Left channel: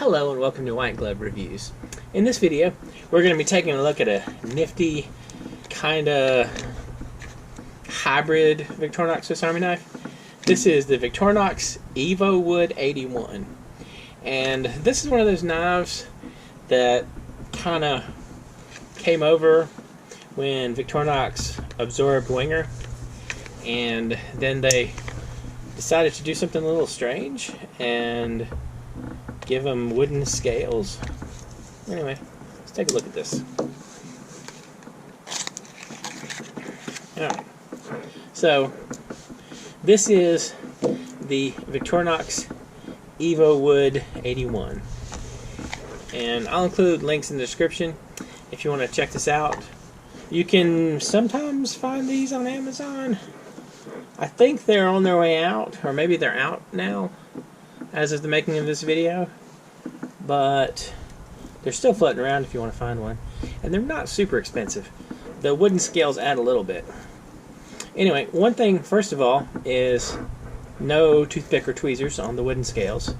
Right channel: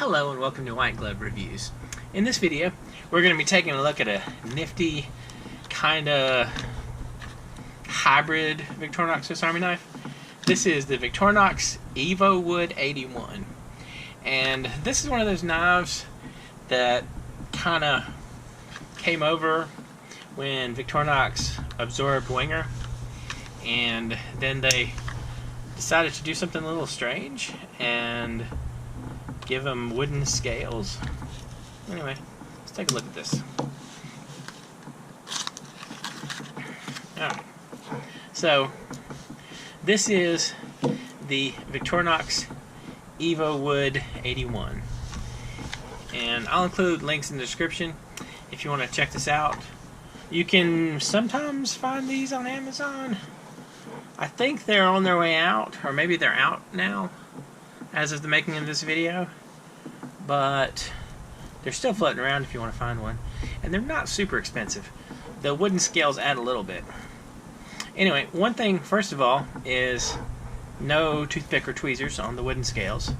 Hello and welcome to White Glove Reviews. In this video, we're going to be taking a look at a nifty, kind of hybrid Victorinox Swiss Army knife. This is the Victorinox Evowood 81. And this is one of those knives that kind of came over when Victorinox absorbed Wenger. And then they decided to do something a little strange and give them wooden scales. Anyway, let's take a look at this. Alright, so this is the Victorinox Evowood 81, and I'll include links in the description if you want to check this out. You can sometimes find these on Amazon. I think they're on their way out, or maybe they're out now as of the making of this video, but they're still floating around if you want to find one, and they're not super expensive. The wooden scales add a little bit. Anyway, one thing first of all is no toothpick or tweezers on the wooden scales,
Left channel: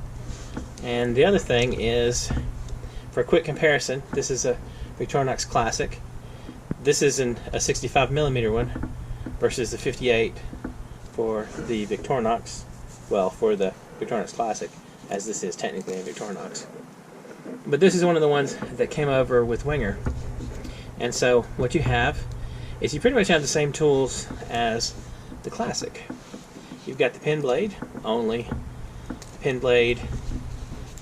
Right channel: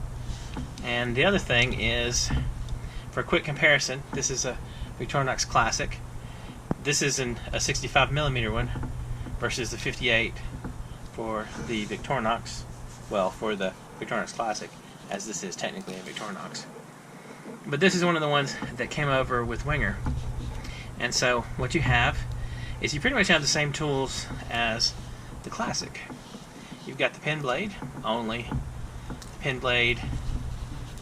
and the other thing is, for a quick comparison, this is a Victorinox Classic. This is a 65mm one versus the 58 for the Victorinox, well, for the Victorinox Classic, as this is technically a Victorinox. But this is one of the ones that came over with Wenger. And so what you have is you pretty much have the same tools as the Classic. You've got the pen blade, only the pen blade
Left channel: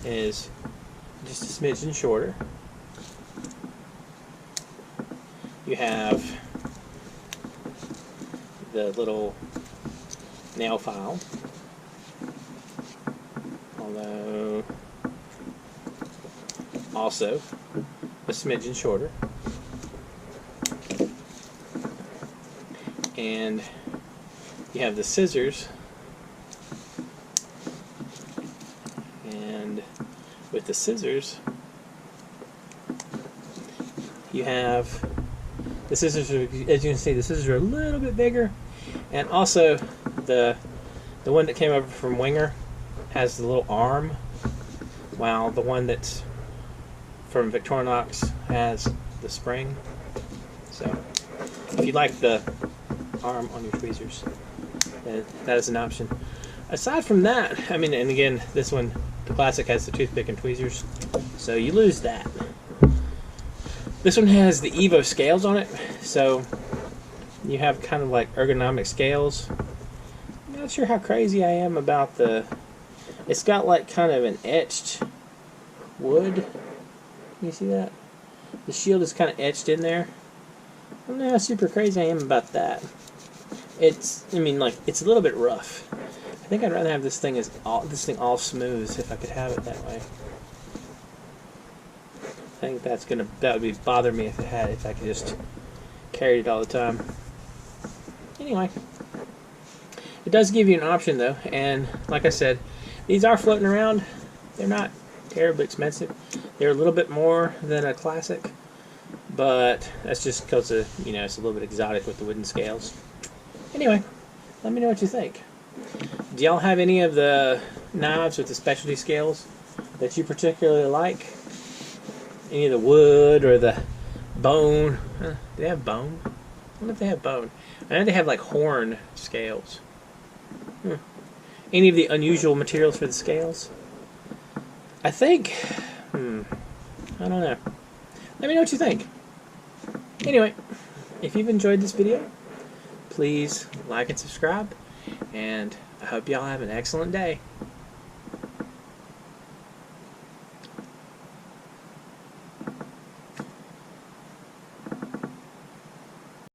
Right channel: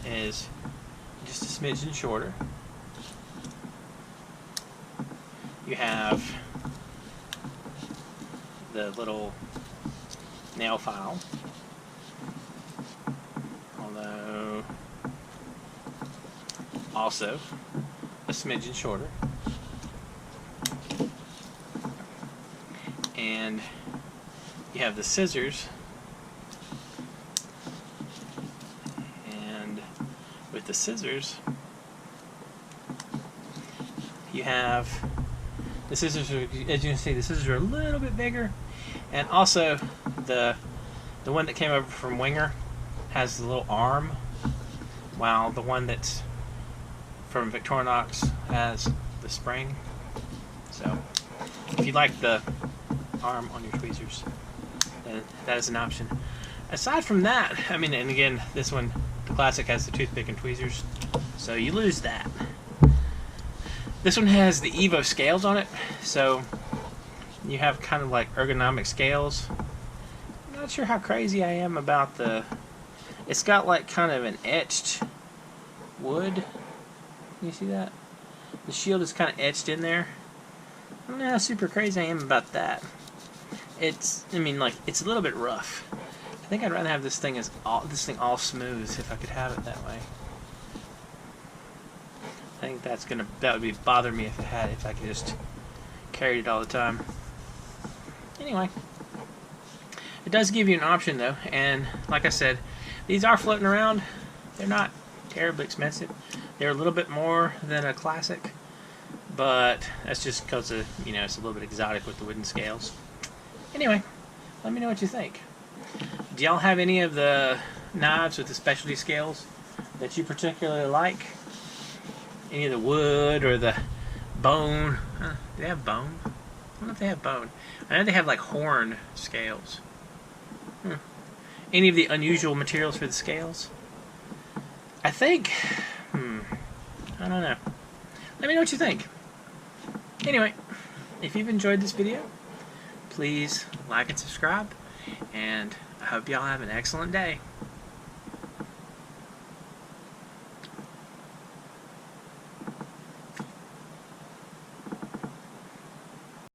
is just a smidgen shorter. You have the little nail file, although also a smidgen shorter, and you have the scissors, and with the scissors you have the scissors are, as you can see, the scissors are a little bit bigger, and also the one that came over from Wenger has the little arm, while the one that's from Victorinox has the spring. So if you like the arm on your tweezers, that is an option. Aside from that, I mean, and again, this one, the Classic, has the toothpick and tweezers, so you lose that. This one has the Evo scales on it, so you have kind of like ergonomic scales. I'm not sure how crazy I am about it's got like kind of an etched wood. You see that? The shield is kind of etched in there. I don't know how super crazy I am about that. I mean, like, it's a little bit rough. I think I'd rather have this thing all smooth if I could have it that way. I think that would bother me if I could just carry it all the time. Anyway, it does give you an option though, and like I said, these are floating around. They're not terribly expensive. They're a little bit more than a Classic, but that's just because of, you know, it's a little bit exotic with the wooden scales. Anyway, let me know what you think. Do y'all have any of the knives with the specialty scales that you particularly like? Any of the wood or the bone? Do they have bone? I don't know if they have bone. I know they have like horn scales. Any of the unusual materials for the scales? I think, I don't know. Let me know what you think. Anyway, if you've enjoyed this video, please like and subscribe, and I hope y'all have an excellent day.